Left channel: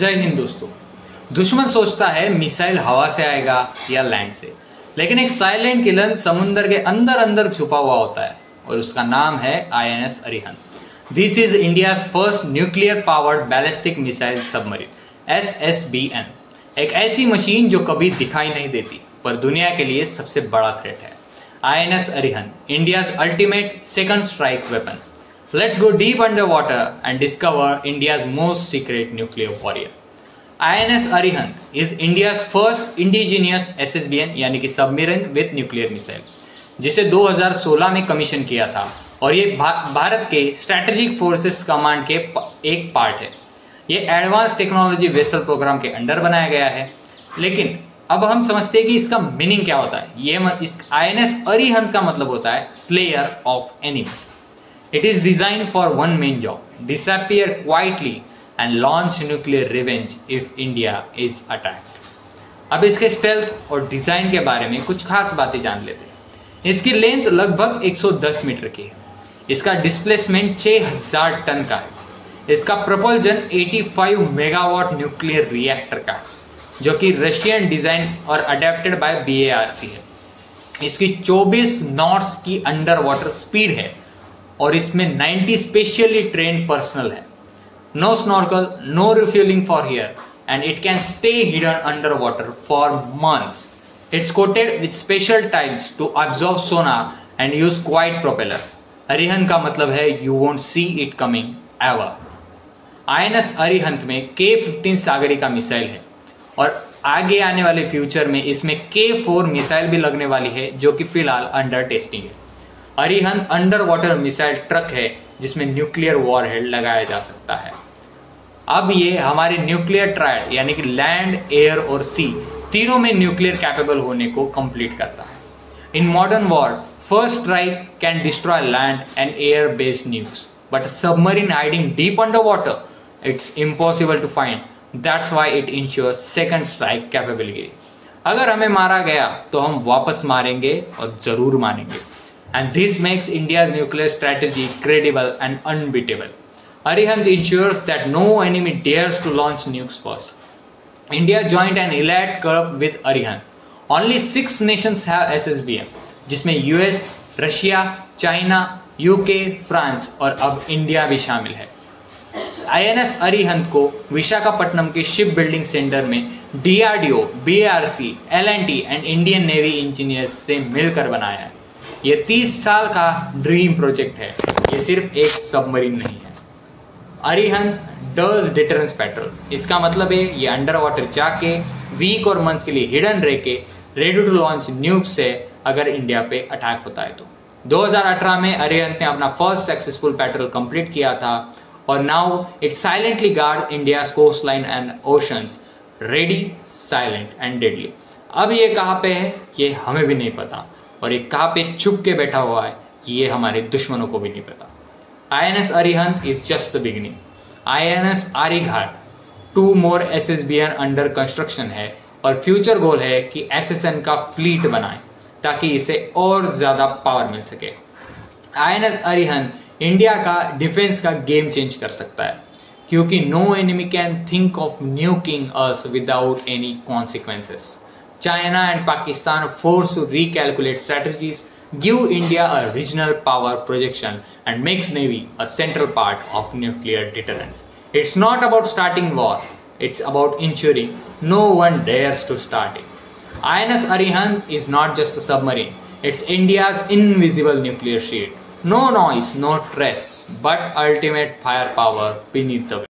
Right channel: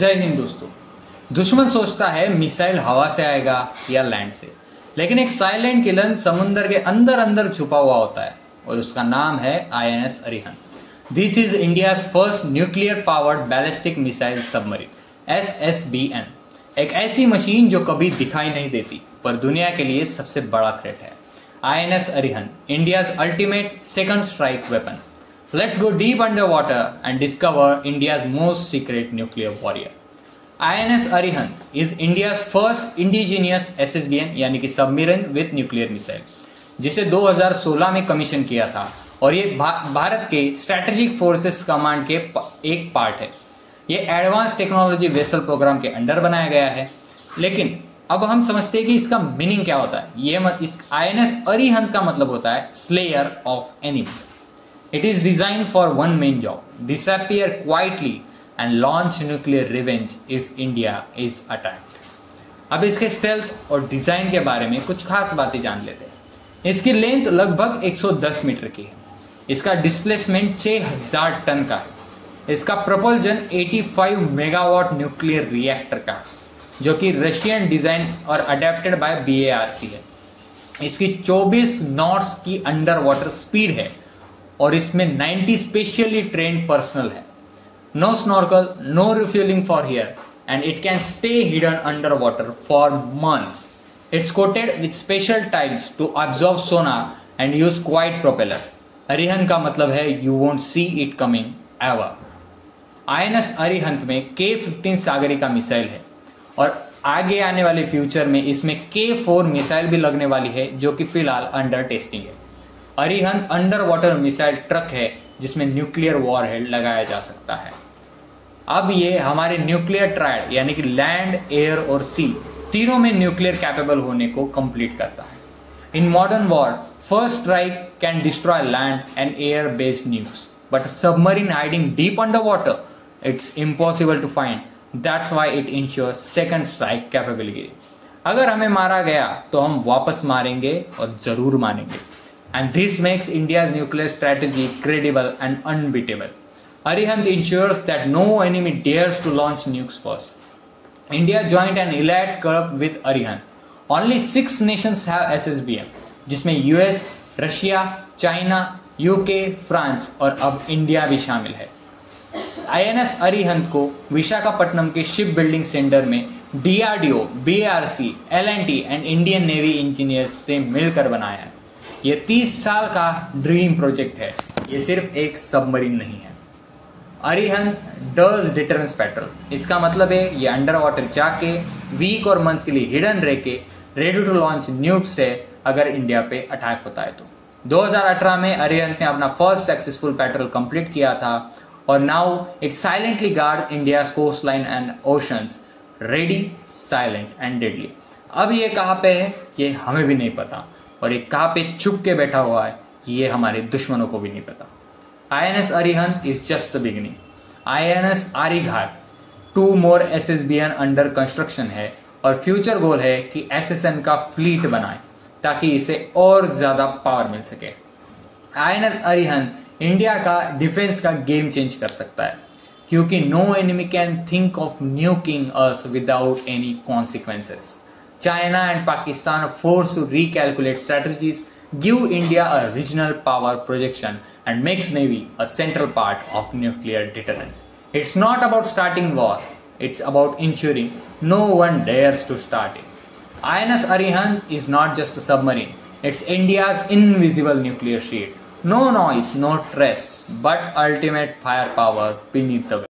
जय हिंद दोस्तों। दुश्मन सोचता है मिसाइल हवा से आएगा या लैंड से, लेकिन एक साइलेंट किलर समुद्र के अंदर अंदर छुपा हुआ होता है और उसका नाम है INS Arihant. This is India's first nuclear powered ballistic missile submarine SSBN, एक ऐसी मशीन जो कभी दिखाई नहीं देती पर दुनिया के लिए सबसे बड़ा थ्रेट है। INS Arihant, India's ultimate second strike weapon. Let's go deep underwater and discover India's most secret nuclear warrior. INS Arihant is India's first indigenous SSBN यानी कि सबमरीन विथ न्यूक्लियर मिसाइल, जिसे 2016 में कमीशन किया था और ये भारत के स्ट्रेटेजिक फोर्सेस कमांड के एक पार्ट है। ये एडवांस टेक्नोलॉजी वेसल प्रोग्राम के अंडर बनाया गया है। लेकिन अब हम समझते हैं कि इसका मीनिंग क्या होता है। इस INS अरिहंत का मतलब होता है slayer of enemies. It is designed for one main job: disappear quietly and launch nuclear revenge if India is attacked. अब इसके स्टेल्थ और डिजाइन के बारे में कुछ खास बातें जान लेते हैं। इसकी लेंथ लगभग 110 मीटर की है। इसका डिस्प्लेसमेंट 6000 टन का है। इसका प्रपोल्जन 85 मेगावाट न्यूक्लियर रिएक्टर का, जो कि रशियन डिजाइन और अडेप्टेड बाय BARC है। इसकी 24 नॉट्स की अंडर वाटर स्पीड है और इसमें 90 स्पेशली ट्रेन्ड पर्सनल है। No snorkel, no refuelling for here and it can stay hidden under water for months. It's coated with special tiles to absorb sonar and use quiet propeller. Arihant का मतलब है you won't see it coming ever. INS Arihant में K-15 Sagarika missile है और आगे आने वाले future में इसमें K-4 मिसाइल भी लगने वाली है, जो कि फिलहाल अंडर टेस्टिंग है। Arihant under water missile truck है जिसमें न्यूक्लियर वॉरहेड लगाया जा सकता है। अब ये हमारे न्यूक्लियर ट्रायड यानी कि लैंड, एयर और सी तीनों में न्यूक्लियर कैपेबल होने को कंप्लीट करता है। In modern war, first strike can destroy land and air based nukes, but submarine hiding deep under water, it's impossible to find. That's why it ensures second strike capability. अगर हमें मारा गया तो हम वापस मारेंगे और जरूर मारेंगे। And this makes India's nuclear strategy credible and unbeatable. Arihant ensures that no enemy dares to launch nukes first. India joined an elite club with Arihant. Only 6 nations have SSBN, जिसमें US, Russia, China, UK, France और अब India भी शामिल है। INS Arihant को विशाखापट्टनम के ship building centre में DRDO, BARC, L&T and Indian navy engineers से मिलकर बनाया है। ये 30 साल का ड्रीम प्रोजेक्ट है। ये सिर्फ एक सबमरीन नहीं है। Arihant does deterrence petrol. इसका मतलब है ये अंडर वाटर जाके वीक और मंथ्स के लिए हिडन रह के रेडी टू लॉन्च न्यूक्स से अगर इंडिया पे अटैक होता है तो। 2018 में अरिहंत ने अपना फर्स्ट सक्सेसफुल पेट्रोल कंप्लीट किया था और now it silently guard India's coast line and oceans, ready, silent and deadly. अब ये कहाँ पे है ये हमें भी नहीं पता, और एक कहाँ पे छुप के बैठा हुआ है ये हमारे दुश्मनों को भी नहीं पता। INS Arihant is just the beginning. INS Aryaghat 2 more SSBN under construction है और फ्यूचर गोल है कि SSN का फ्लीट बनाए ताकि इसे और ज्यादा पावर मिल सके। INS अरिहंत इंडिया का डिफेंस का गेम चेंज कर सकता है, क्योंकि no enemy can think of nuking us without any consequences. China and Pakistan are forced to recalculate strategies, give India a regional power projection, and makes Navy a central part of nuclear deterrence. It's not about starting war, it's about ensuring no one dares to start it. INS Arihant is not just a submarine, it's India's invisible nuclear shield. No noise, no stress, but ultimate firepower beneath the